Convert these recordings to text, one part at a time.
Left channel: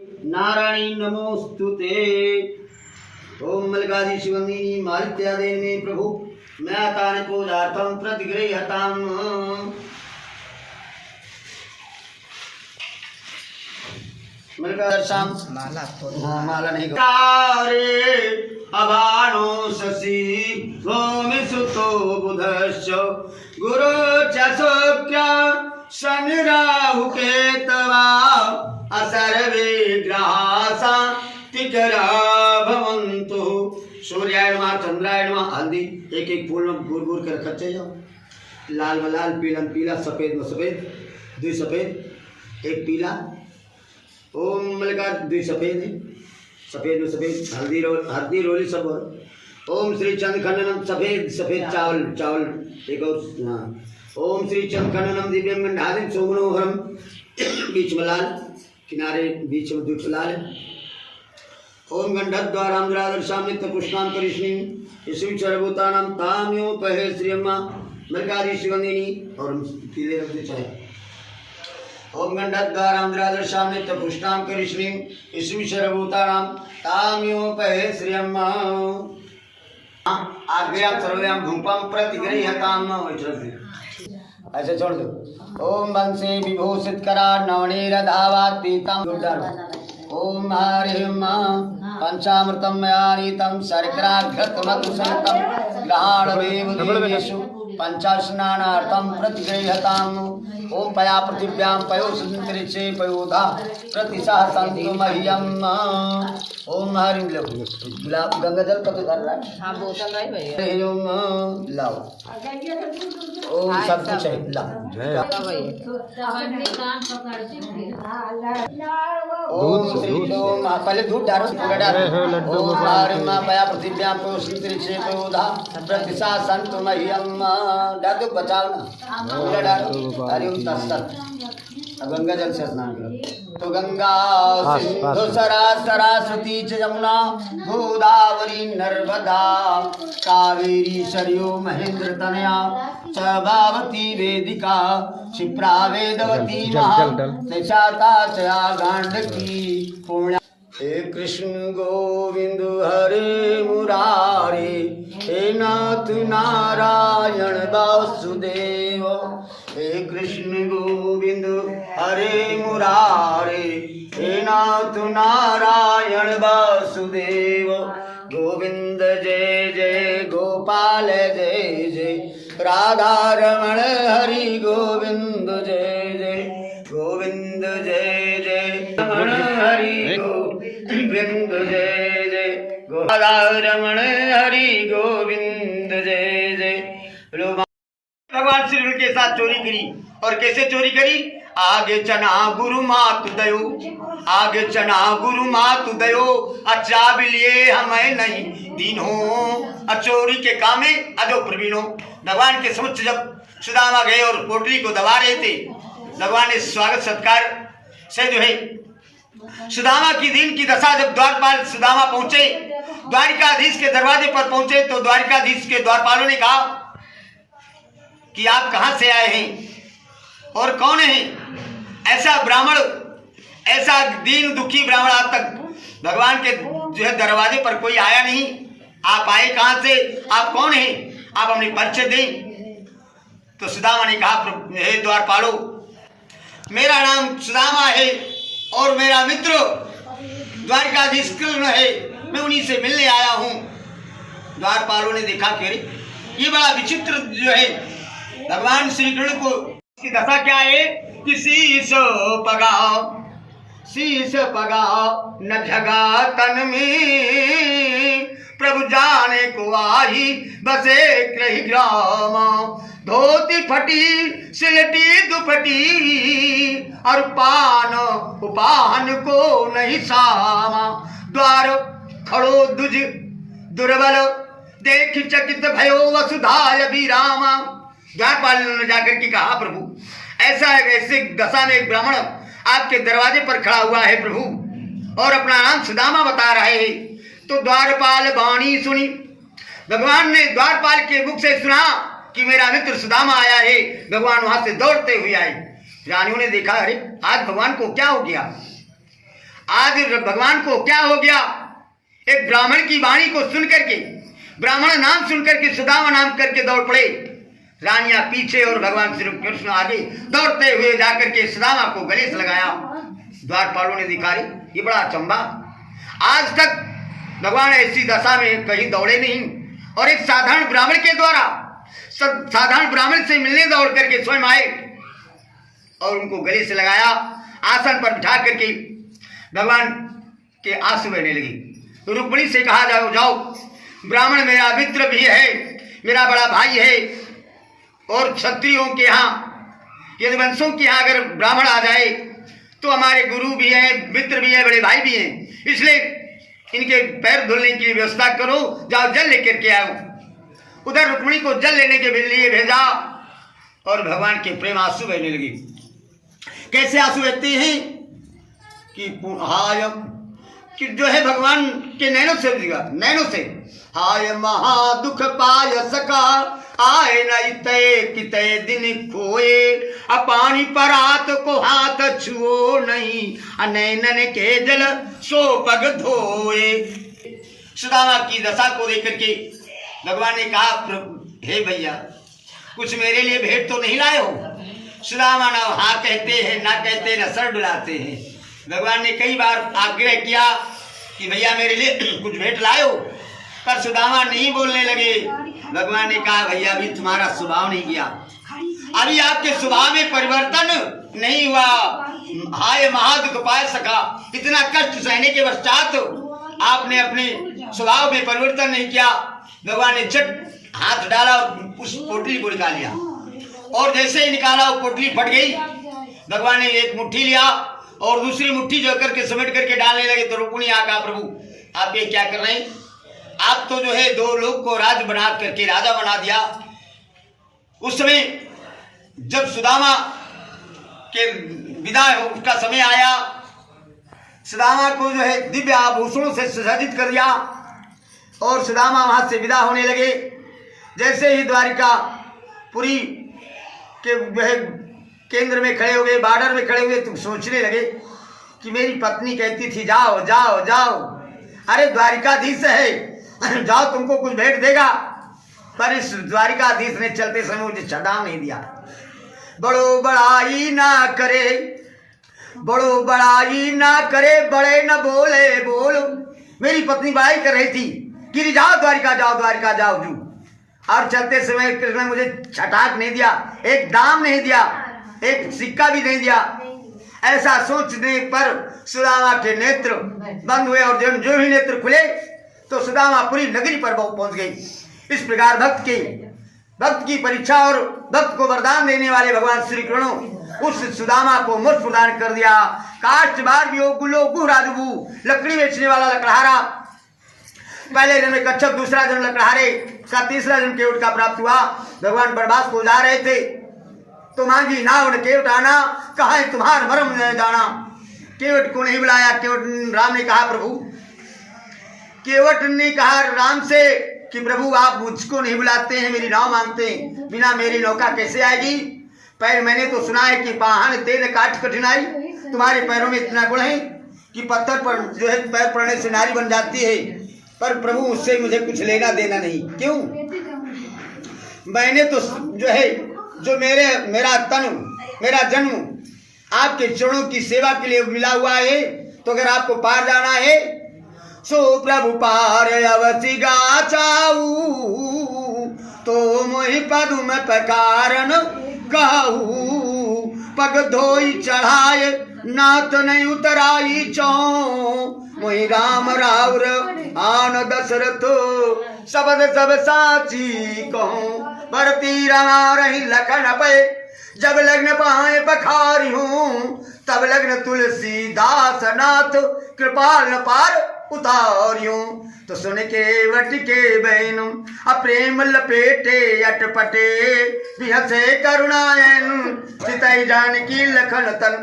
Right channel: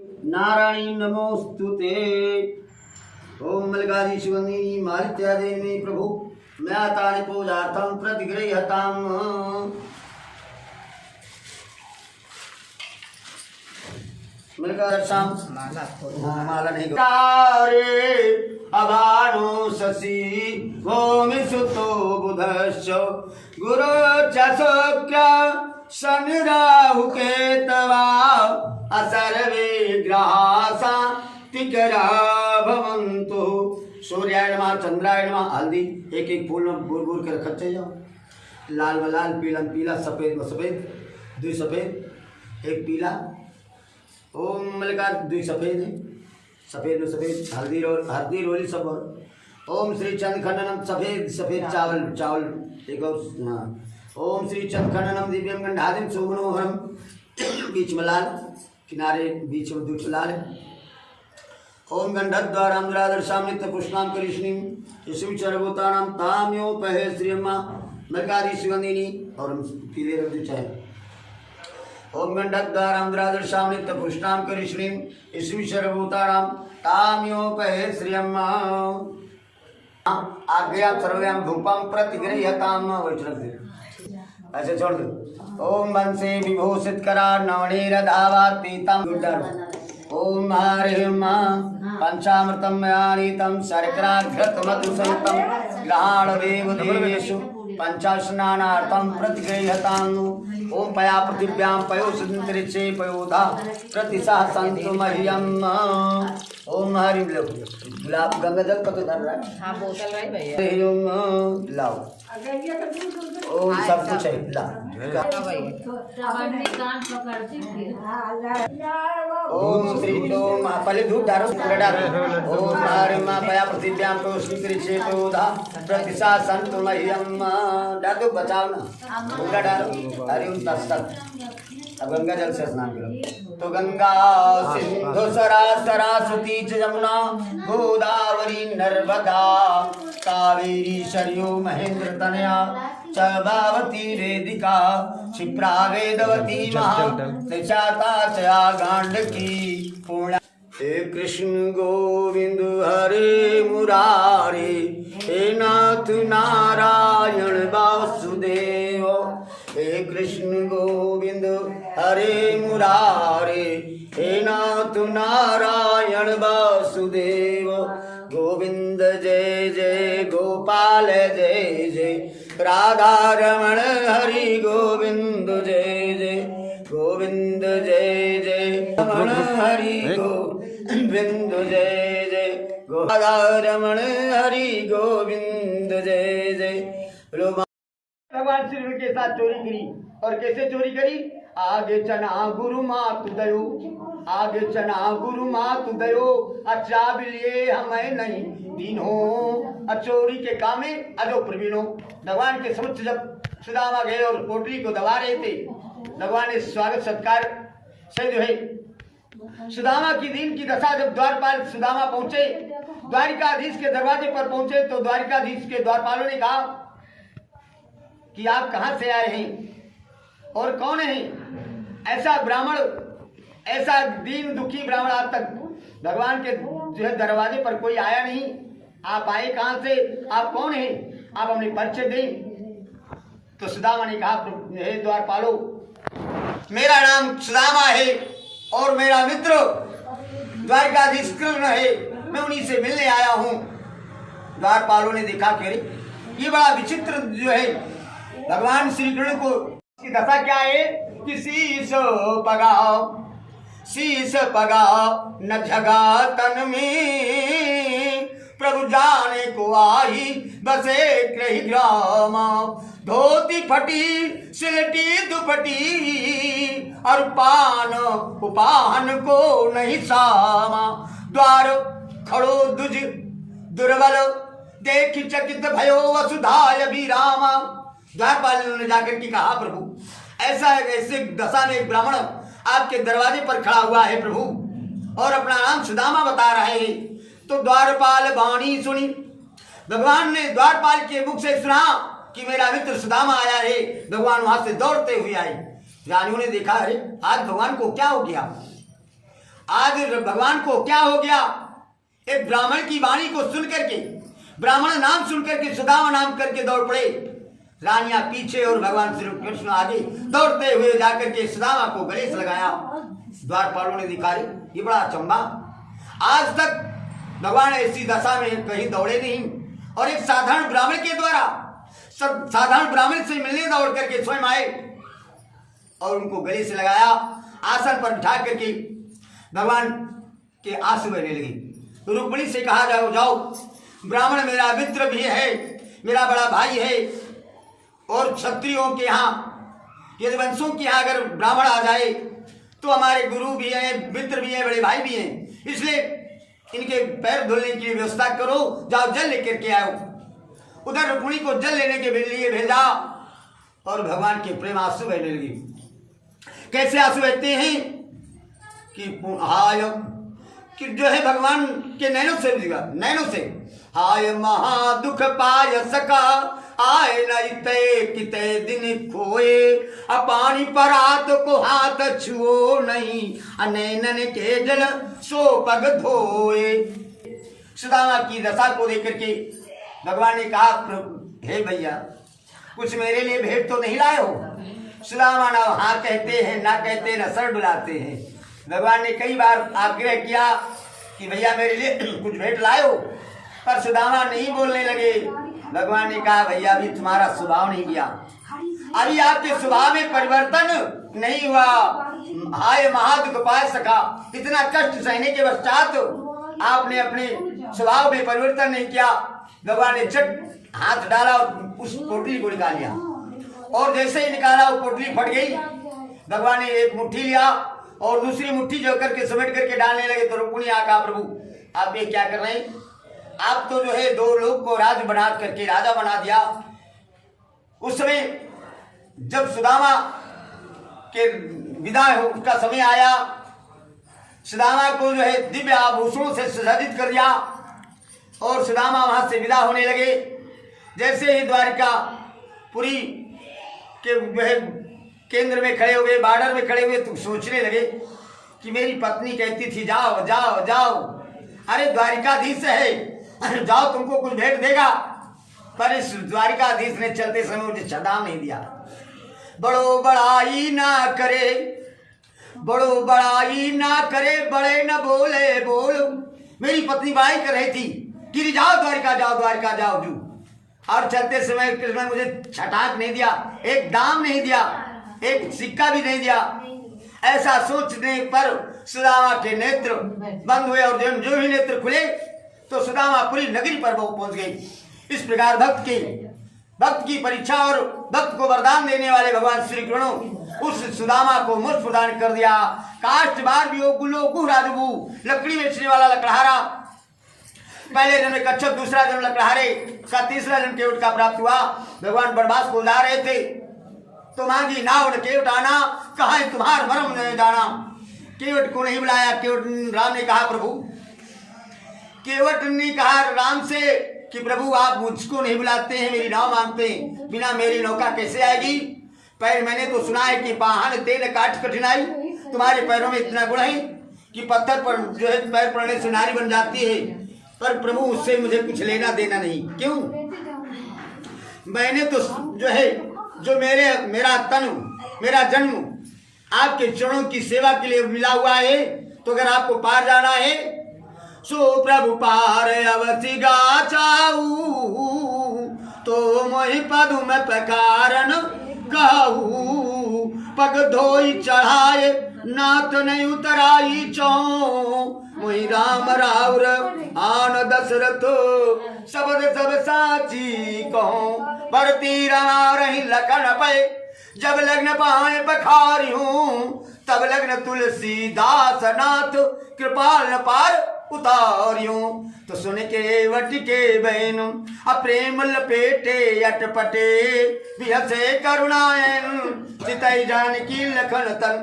नारायणी नमोस्तुते। ओम मल्लिकार्जुन शिवंदिनी मालित्यादेवी प्रभु म्यातानि पूजार्थं प्रतिगृह्यताम्। माला नहीं तारे अभानो शशि भूमि सुतो बुधश्च गुरु च शुक्र शनि राहु केतवा असर्वे ग्रहा तिकरा भवन्तु। सूर्याय नमः चंद्राय नमः। हल्दी एक एक फूल में बूर बूर कर खच्चे जाओ। लाल में लाल, पीला में पीला, सफेद में सफेद, दुई सफेद एक पीला। ओम मल्लिकार्जुन दुई सफेद है, सफेद में सफेद, हल्दी रोली सब। ओम श्री चंद खंडनम सफेद सफेद चावल चावल एक और। हाँ ओम श्री चंद खंडनम दिव्यम गंधादिम सोमनोहरम। बीच में लाल, किनारे बीच में दूध लाल है। ओम गंधद्वाराम द्रादर्शामित पुष्णाम करिष्णीम यशु चरभूतानाम ताम्यो पहे श्रीयम्मा मल्लिकार्जुन शिवंदिनी। और पीले रख दे चाहे। ओम गंधद्वाराम द्रादर्शामित पुष्णाम करिष्णीम यशु चरभूतानाम ताम्यो पहे श्रीयम्मा। आज्ञां सर्वयां धूपम प्रतिगृह्यताम। ऐसे छोड़ दो। ओम वंशे विभूषित करा नवनीरधावात् पीतम। ओम हरिम पंचामृतम मयानीतम शर्कराघृतमधुसंयुक्तं ग्रहाणवेवदेवेषु पंचास्नानार्थं प्रतिगृह्यताम्। ओम पया पृथिव्यां पयोषदन्तरिक्षे पयोधा प्रतिसहसन्तु मह्यम्। ओम हरिम गुलाब गंगा जल कतो धर रहा है। हाँ बोतल है भैया। ओम लाओ। ओम सब कुछ है लाओ। ओम श्री ओम पहले दूध डालो पूरा डालो। ओम हरिम पया पृथिव्यां पयोषदन्तरिक्षे पयोधा प्रतिसहसन्तु मह्यम्। डाल दो बचाओ ना पूरा डालो। हरिओम तत्सत। अब गंगा जल से स्नान करो। तो गंगा सिंधु सरस्वती च यमुना गोदावरी नर्मदा कावेरी सरयू महेंद्र तनया च बावती वेदिका क्षिप्रा वेदवती महाचाता चया गांडकी पूर्णा। हे कृष्ण गोविंद हरे मुरारे हे नाथ नारायण वासुदेव। हे कृष्ण गोविंद हरे मुरारे हे नाथ नारायण वासुदेव। गोविंद जय जय गोपाल जय जय राधा रमण हरि गोविंद जय जय गोविंद जय जय रमण हरि गोविंद जय जय राधा रमण हरि गोविंद जय जय। भगवान श्री कृष्ण के साथ चोरी करी। और कैसे चोरी करी? आगे चना गुरु मातु दयो, आगे चना गुरु मातु दयो, अच्छा बिलिए हमें नहीं दीनो। चोरी के काम में अजो प्रवीणों। भगवान के समक्ष जब सुदामा गए और पोटली को दबा रहे थे, भगवान ने स्वागत सत्कार से जो है सुदामा की दिन की दशा। जब द्वारपाल सुदामा पहुंचे, द्वारिकाधीश के दरवाजे पर पहुंचे, तो द्वारिकाधीश के द्वारपालों ने कहा कि आप कहां से आए हैं और कौन हैं? ऐसा ब्राह्मण, ऐसा दीन दुखी ब्राह्मण आज तक भगवान के जो है दरवाजे पर कोई आया नहीं। आप आए कहां से? आप कौन हैं? आप अपने परिचय दें। तो सुदामा ने कहा, हे द्वारपालो, मेरा नाम सुदामा है और मेरा मित्र द्वारिकाधीश कृष्ण है, मैं उन्हीं से मिलने आया हूं। द्वारपालों ने देखा कि अरे ये बड़ा विचित्र जो है भगवान श्री कृष्ण को की दशा क्या है कि शीश पगाओ न जगा तन में, प्रभु जाने को आई बसे क्रही ग्राम। धोती फटी सिलटी दुपटी और उपान को नहीं सामा। द्वार खड़ो दुज दुर्बल देख चकित भयो वसुधाय विरामा। द्वारपाल ने जाकर के कहा, प्रभु ऐसे दशा में एक ब्राह्मण आपके दरवाजे पर खड़ा हुआ है प्रभु, और अपना नाम सुदामा बता रहे हैं। तो द्वारपाल वाणी सुनी। भगवान ने द्वारपाल के मुख से सुना कि मेरा मित्र सुदामा आया है। भगवान वहां से दौड़ते हुए आए। रानियों ने देखा, अरे आज भगवान को क्या हो गया? आज भगवान को क्या हो गया, एक ब्राह्मण की वाणी को सुन करके, ब्राह्मण नाम सुन करके सुदामा नाम करके दौड़ पड़े। रानियां पीछे और भगवान श्री कृष्ण आगे दौड़ते हुए जाकर के सुदामा को गले से लगाया। द्वारपालों ने दिखाई, ये बड़ा अचंबा, आज तक भगवान ऐसी दशा में कहीं दौड़े नहीं, और एक साधारण ब्राह्मण के द्वारा, साधारण ब्राह्मण से मिलने दौड़ करके स्वयं आए और उनको गले से लगाया। आसन पर बिठा करके भगवान के आंसू बहने लगी। रुक्मिणी से कहा, जाओ जाओ, ब्राह्मण मेरा मित्र भी है, मेरा बड़ा भाई है, और क्षत्रियों के यहाँ, यदि वंशों के यहाँ अगर ब्राह्मण आ जाए तो हमारे गुरु भी हैं, मित्र भी हैं, बड़े भाई भी हैं, इसलिए इनके पैर धुलने की व्यवस्था करो, जाओ जल लेकर के आओ। उधर रुक्मिणी को जल लेने के लिए भेजा और भगवान के प्रेम आंसू बहने लगी। कैसे आंसू बहते हैं कि हाय, कि जो है भगवान के नैनों से, नैनों से, हाय महा दुख पाय सका, आए न तय कितय दिन खोए, अपानी परात को हाथ छुओ नहीं, अनैनन के जल सो पग धोए। सुदामा की दशा को देख करके भगवान ने कहा, हे भैया, कुछ मेरे लिए भेंट तो नहीं लाए हो? सुदामा ना हाँ कहते हैं, ना कहते, न सर डुलाते हैं। भगवान ने कई बार आग्रह किया कि भैया मेरे लिए कुछ भेंट लाए हो, पर सुदामा नहीं बोलने लगे। भगवान ने कहा, भैया अभी तुम्हारा स्वभाव नहीं गया, अभी आपके स्वभाव में परिवर्तन नहीं हुआ। हाय महादुख पाय सका, इतना कष्ट सहने के पश्चात आपने अपने स्वभाव में परिवर्तन नहीं किया। भगवान ने झट हाथ डाला और उस पोटली को निकाल लिया, और जैसे ही निकाला वो पोटली फट गई। भगवान ने एक मुट्ठी लिया और दूसरी मुट्ठी जो करके समेट करके डालने लगे। तो रुक्मिणी आका, प्रभु आप ये क्या कर रहे हैं? आप तो जो है 2 लोग को राज बना करके राजा बना दिया। उस समय जब सुदामा के विदाई का समय आया, सुदामा को जो है दिव्य आभूषणों से सुसज्जित कर दिया और सुदामा वहां से विदा होने लगे। जैसे ही द्वारिकापुरी के वह केंद्र में खड़े हुए, बॉर्डर में खड़े हुए, तो सोचने लगे कि मेरी पत्नी कहती थी जाओ जाओ जाओ, अरे द्वारिकाधीश है, जाओ तुमको कुछ भेंट देगा, पर इस द्वारिकाधीश ने चलते समय मुझे छड़ाव नहीं दिया। बड़ो बड़ाई ना करे, बड़ो बड़ाई ना करे, बड़े न बोले बोल। मेरी पत्नी बड़ाई कर रही थी कि जाओ द्वारिका जाओ, द्वारिका जाओ जू, और चलते समय कृष्ण मुझे छटाक नहीं दिया, एक दाम नहीं दिया, एक सिक्का भी नहीं दिया। ऐसा सोचने पर सुदामा के नेत्र बंद हुए, और जो ही नेत्र खुले तो सुदामा पूरी नगरी पर पहुंच गई। इस प्रकार भक्त की परीक्षा और भक्त को वरदान देने वाले भगवान श्री कृष्ण उस सुदामा को मोक्ष प्रदान कर दिया। काष्ठ बार गुलो गुह राजबू, लकड़ी बेचने वाला लकड़हारा, पहले जन्म कच्छप, दूसरा जन्म लकड़हारे का, तीसरा जन्म केवट का प्राप्त हुआ। भगवान वनवास को जा रहे थे तो मांगी नाव केवट आना, कहा है तुम्हार मरम न जाना। केवट को नहीं बुलाया। केवट राम ने कहा, प्रभु, केवट ने कहा राम से कि प्रभु आप मुझको नहीं बुलाते हैं, मेरी नाव मांगते हैं, बिना मेरी नौका कैसे आएगी? पैर मैंने तो सुना है कि पाहन तेल काट कठिनाई, तुम्हारे पैरों में इतना गुण है कि पत्थर पर जो है पैर पड़ने से नारी बन जाती है, पर प्रभु उससे मुझे कुछ लेना देना नहीं। क्यों? मैंने तो जो है, जो मेरा तन, मेरा जन्म आपके चरणों की सेवा के लिए मिला हुआ है, तो अगर आपको पार जाना है सो प्रभु पार अवसि गाचाऊ, तो मोहि पदु में पकारन कहू, पग धोई चढ़ाए नाथ नहीं उतराई चौ, मोहि राम राउर आन दशरथ शब्द सब साची कहूँ, भरती रमा रही लखन पे, जब लग्न पाए बखारी हूँ, तब लग्न तुलसीदास नाथ कृपाल न पार उतारियों। तो सुन के वट के बहनु अप्रेम लपेटे अटपटे, बिहसे करुणायन चितई जानकी लखन तन।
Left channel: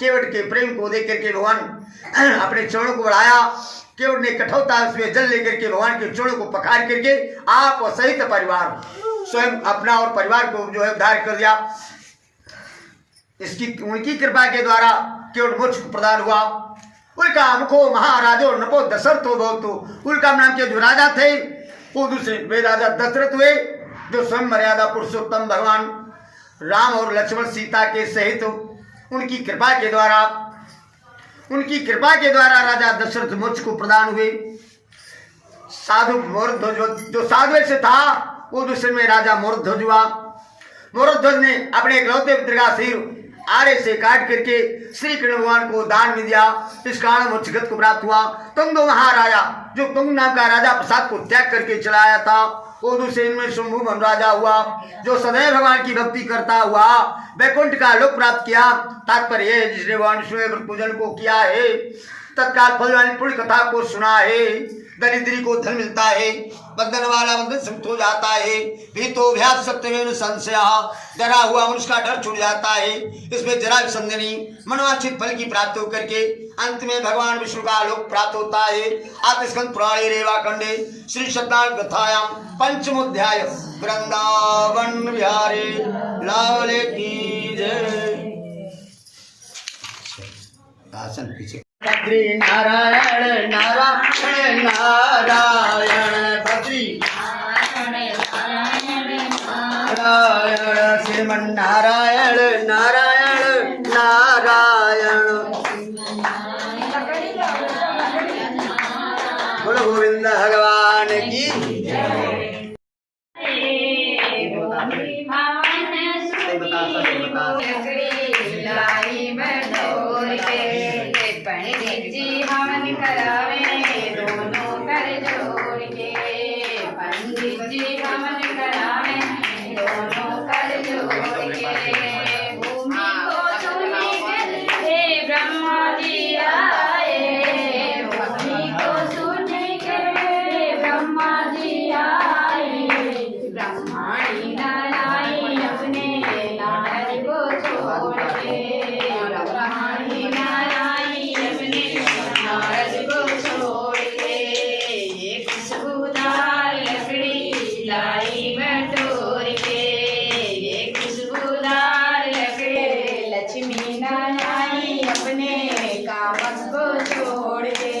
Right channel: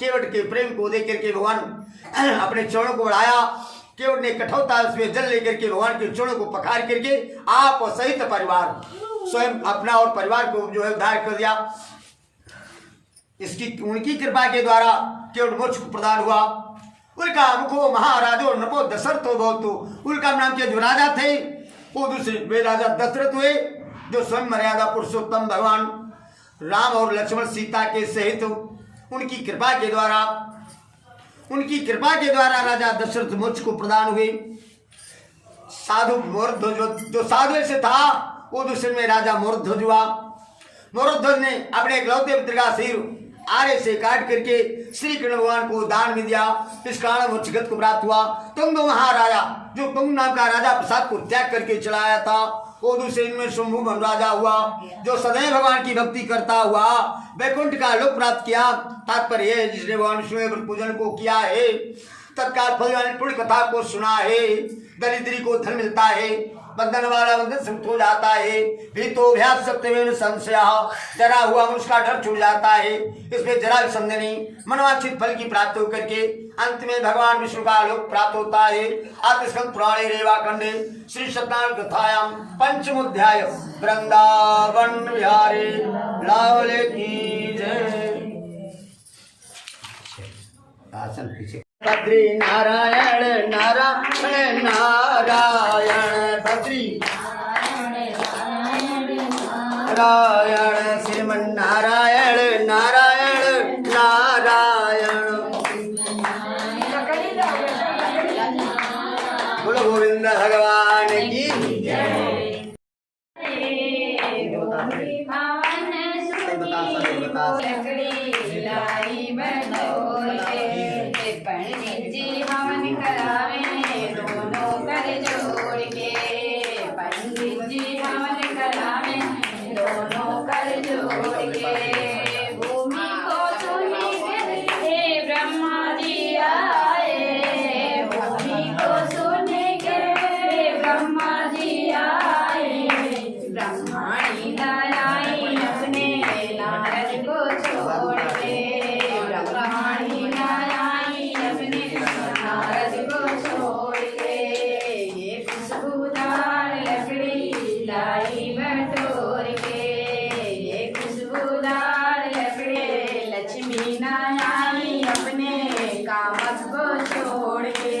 केवट के प्रेम को देख करके भगवान अपने चरणों को बढ़ाया। केवट ने कठोरता उसमें जल लेकर के भगवान के चरणों को पखार करके आप सहित परिवार, स्वयं अपना और परिवार को जो है उद्धार कर दिया। इसकी उनकी कृपा के द्वारा केवट मोक्ष प्रदान हुआ। उनका मुखो महाराजो नपो दशरथो बहुतो। उनका नाम के जो राजा थे वो दूसरे वे राजा दशरथ हुए, जो स्वयं मर्यादा पुरुषोत्तम भगवान राम और लक्ष्मण सीता के सहित उनकी कृपा के द्वारा राजा दशरथ मोक्ष को प्रदान हुए। साधु मोरध्वज जो साधु से था वो दूसरे में राजा मोरध्वज हुआ। मोरध्वज ने अपने इकलौते पुत्र का सिर आरे से काट करके श्री कृष्ण भगवान को दान में दिया। इस कारण मोक्षगत को प्राप्त हुआ। तुंग महाराजा जो तुंग नाम का राजा प्रसाद को त्याग करके चलाया था वो दूसरे में शंभुमन राजा हुआ, जो सदैव भगवान की भक्ति करता हुआ वैकुंठ का लोक प्राप्त किया। तात्पर्य है जिसने भगवान विष्णु पूजन को किया है तत्काल फल वाली पुण्य कथा को सुना है, दरिद्री को धन मिलता है, बंधन वाला बंधन मुक्त हो जाता है, भीतो भ्यास सत्यमेव संशयः डरा हुआ मनुष्य का डर छूट जाता है। इसमें जरा भी संदेह नहीं, मनवांछित फल की प्राप्ति होकर के अंत में भगवान विष्णु का लोक प्राप्त होता है। आत्मस्कंद पुराणे रेवा खंडे श्री सत्यनारायण कथायां पंचमोध्याय वृंदावन विहारे लाल की जय। आसन पीछे बद्री नारायण नारायण नारायण बद्री नारायण श्रीमन नारायण नारायण नारायण। बोलो गोविंद भगवान की पंडित जी हवन करावे दोनों कर जोड़ के, पंडित जी हवन करावे दोनों कर जोड़ के। भूमि को सुनी के ब्रह्मा जी आए, भूमि को सुनी के ब्रह्मा जी आए। ब्रह्माणी नारायण अपने नारद को छोड़ के, ब्रह्माणी नारायण अपने नारद को छोड़ के। ये खुशबूदार लकड़ी लाई बटोर के, ये खुशबूदार लकड़ी लक्ष्मी नारायण अपने कामत को छोड़ के,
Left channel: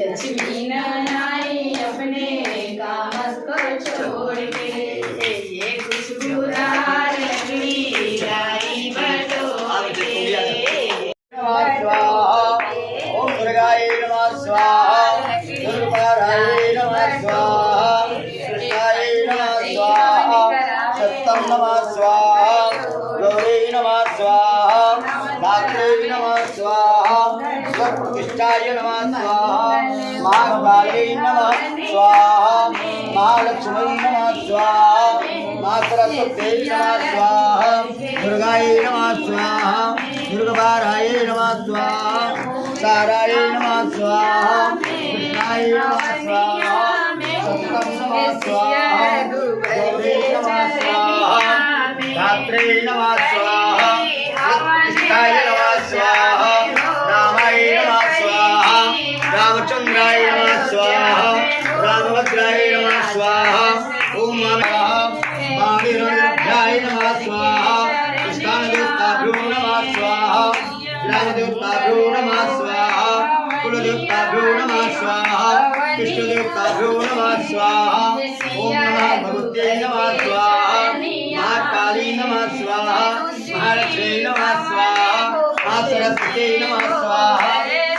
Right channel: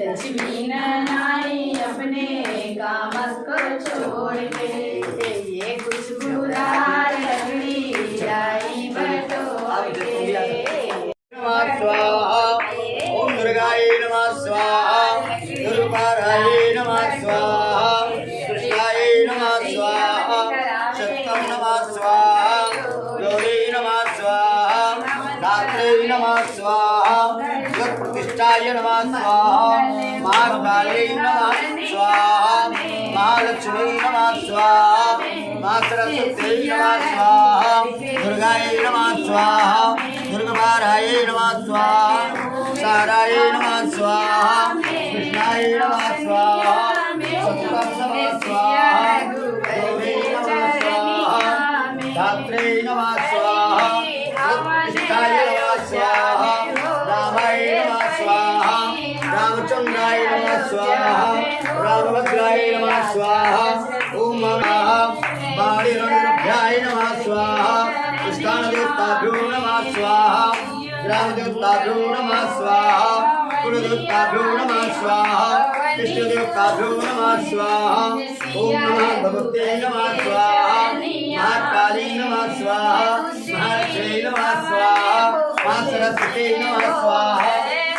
लक्ष्मी नारायण अपने कामत को छोड़ के। ये खुशबूदार लकड़ी लाई बटोर के। ओम दुर्गाय नमः स्वाहा, दुर्गाय नमः स्वाहा, कृष्णाय नमः स्वाहा, सत्यम नमः स्वाहा, गौरी नमः स्वाहा, धात्रे नमः स्वाहा, प्रतिष्ठाय नमः स्वाहा, महाकाली नमः स्वाहा, महालक्ष्मी नमः स्वाहा, महासरस्वती नमः स्वाहा, दुर्गाय नमः स्वाहा, दुर्गाय नमः स्वाहा, साराय नमः स्वाहा, कृष्णाय नमः स्वाहा, सत्यम नमः स्वाहा, गौरी नमः स्वाहा, धात्रे नमः स्वाहा, प्रतिष्ठाय नमः स्वाहा, रामाय नमः स्वाहा, रामचंद्राय नमः स्वाहा, रामभद्राय नमः स्वाहा, ओम नमः वाणिरुद्राय नमः स्वाहा, स्कंददेवताभ्यो नमः स्वाहा, ग्रामदेवताभ्यो नमः स्वाहा, कुलदेवताभ्यो नमः स्वाहा, कृष्णदेवताभ्यो नमः स्वाहा, ओम नमः भगवते नमः स्वाहा, महाकाली नमः स्वाहा, महालक्ष्मी नमः स्वाहा, महासरस्वती नमः स्वाहा,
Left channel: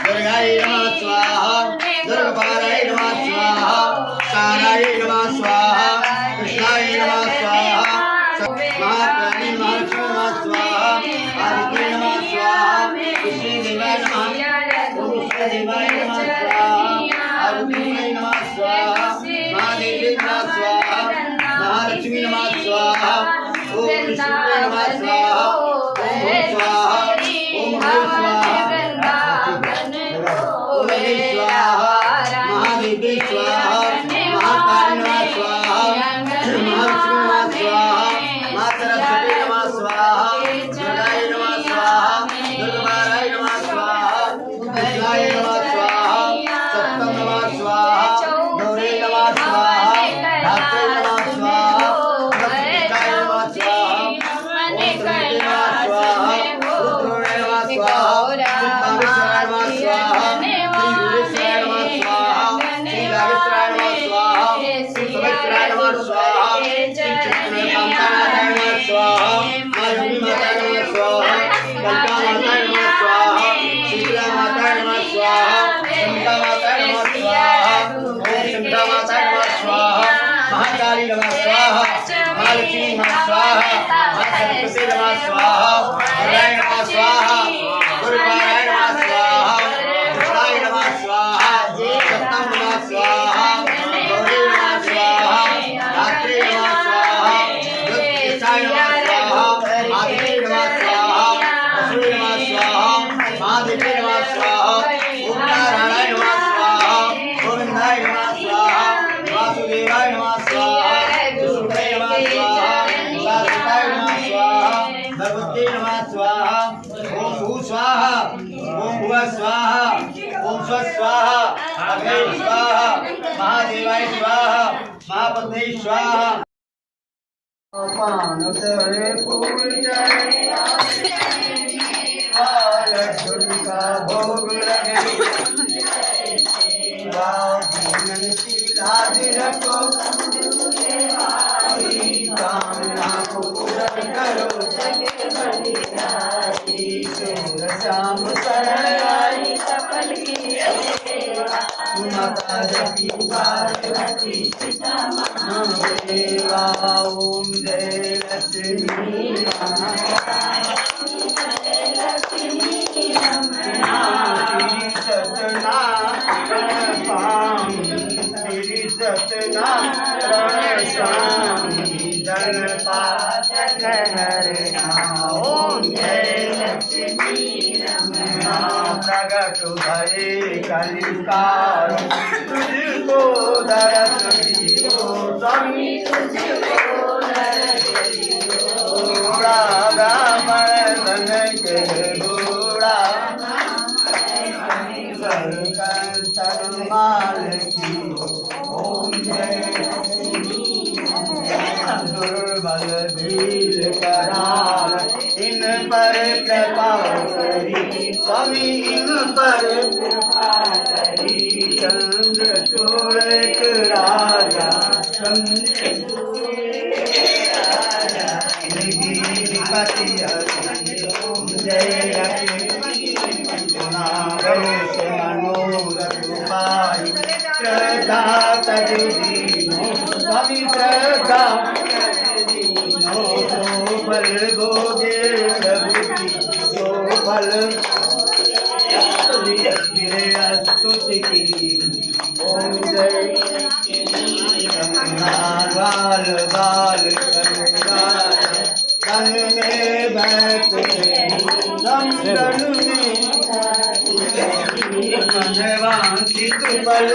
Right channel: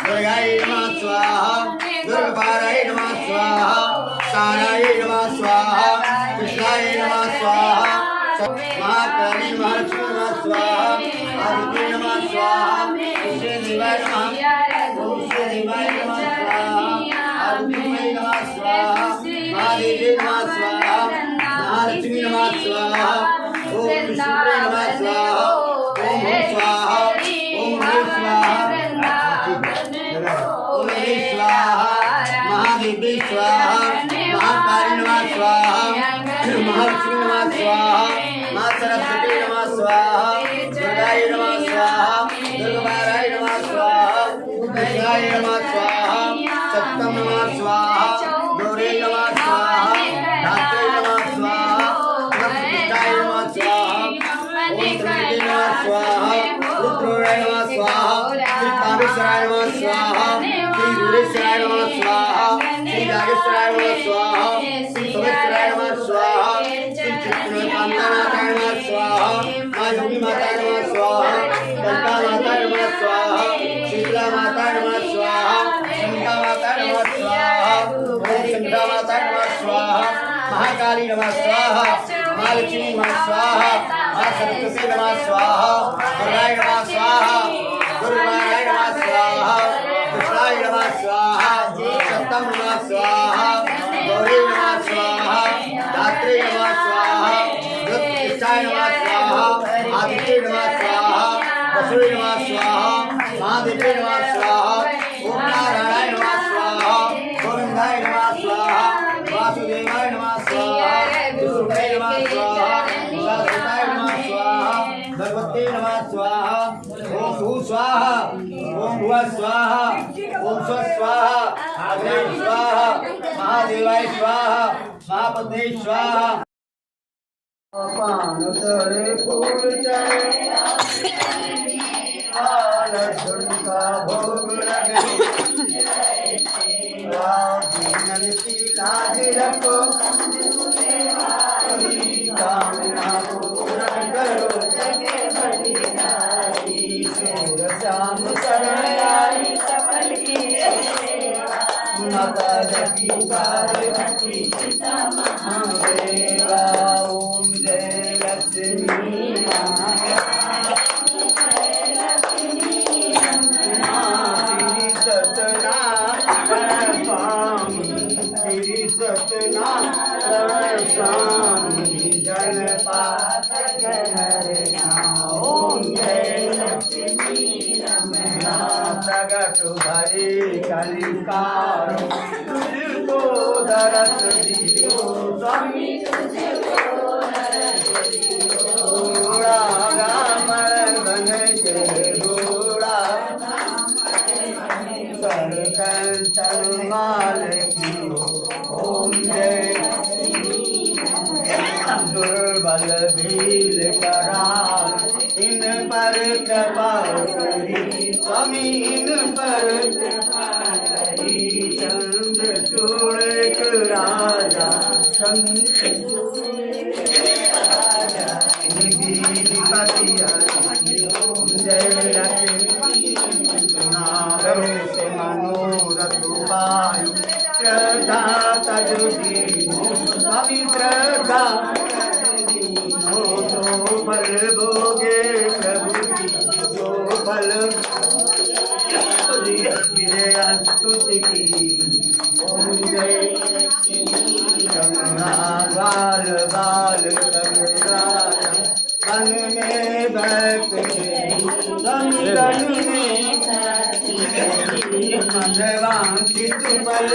दुर्गाय नमः स्वाहा, दुर्गाय नमः स्वाहा, साराय नमः स्वाहा, कृष्णाय नमः स्वाहा, महाकाली महालक्ष्मी नमः स्वाहा, आदित्य नमः स्वाहा, कृष्ण देवाय नमः, ओम कृष्ण देवाय नमः स्वाहा, आदित्य नमः स्वाहा, महादेवी नमः स्वाहा, महालक्ष्मी नमः स्वाहा, ओम कृष्ण नमः स्वाहा, ओम स्वाहा, ओम स्वाहा, ओम स्वाहा, महादेवी स्वाहा, महाकाली नमः स्वाहा, महालक्ष्मी नमः स्वाहा, माँ सरस्वती नमः स्वाहा, दुर्गाय नमः स्वाहा, दुर्गाय नमः स्वाहा, विष्णुवाय नमः स्वाहा, सत्यम नमः स्वाहा, गौरी नमः स्वाहा, धात्रे नमः स्वाहा, प्रतिष्ठाय नमः स्वाहा, ओम त्र्यंबके नमः स्वाहा, रुद्राय नमः स्वाहा, सिद्धांतेश्वराय नमः स्वाहा, महालक्ष्मी नमः स्वाहा, मां सरस्वती नमः स्वाहा, गुरुवाय नमः स्वाहा, गुरुवाराय नमः स्वाहा, कृष्णाय नमः स्वाहा, सप्तम नमः स्वाहा, गौरी नमः स्वाहा, रात्रि नमः स्वाहा, ज्योतिषाय नमः स्वाहा, आदित्य नमः स्वाहा, वसुदेव नमः स्वाहा, महादेवी नमः स्वाहा, ओम नारायणाय नमः स्वाहा, गोविंदाय नमः स्वाहा, वासुदेवाय नमः स्वाहा, विष्णुवे नमः स्वाहा, शारदाय नमः स्वाहा, भगवते नमः स्वाहा, ओम भू स्वाहा, ओम भुव स्वाहा, ओम स्व स्वाहा, अग्ने स्वाहा, महादेवाय स्वाहा, महापत्नी स्वाहा। पान तले फूल चढ़े, लड्डू का भोग लगे, दीनन की लाज रखो, कामना को पूर्ण करो, शाम शरण आई सफल की माता जकी पार्वती सीता महादेवा। ओम जय लक्ष्मी माता श्री सत्यनारायण स्वामी जनपातक हरना। ओम जय लक्ष्मी प्रगट भये कलिकाल, तुझको दरस दियो स्वामी, तुझको दरस दियो, राम धन के घोड़ा माल की। ओम जय दुर्बल भील कराल, इन पर कृपा करी स्वामी, इन पर कृपा करी। चंद्र चूड़ राजा निधिपति जय लक्ष्मी गणेश मनोरथ पाई, श्रद्धा तजु दीनो स्वामी, श्रद्धा दीनो तो फल भोगे प्रभु की, जो फल स्तुति की। ओम जय बाल बाल कन में बैठे, कन में वांछित फल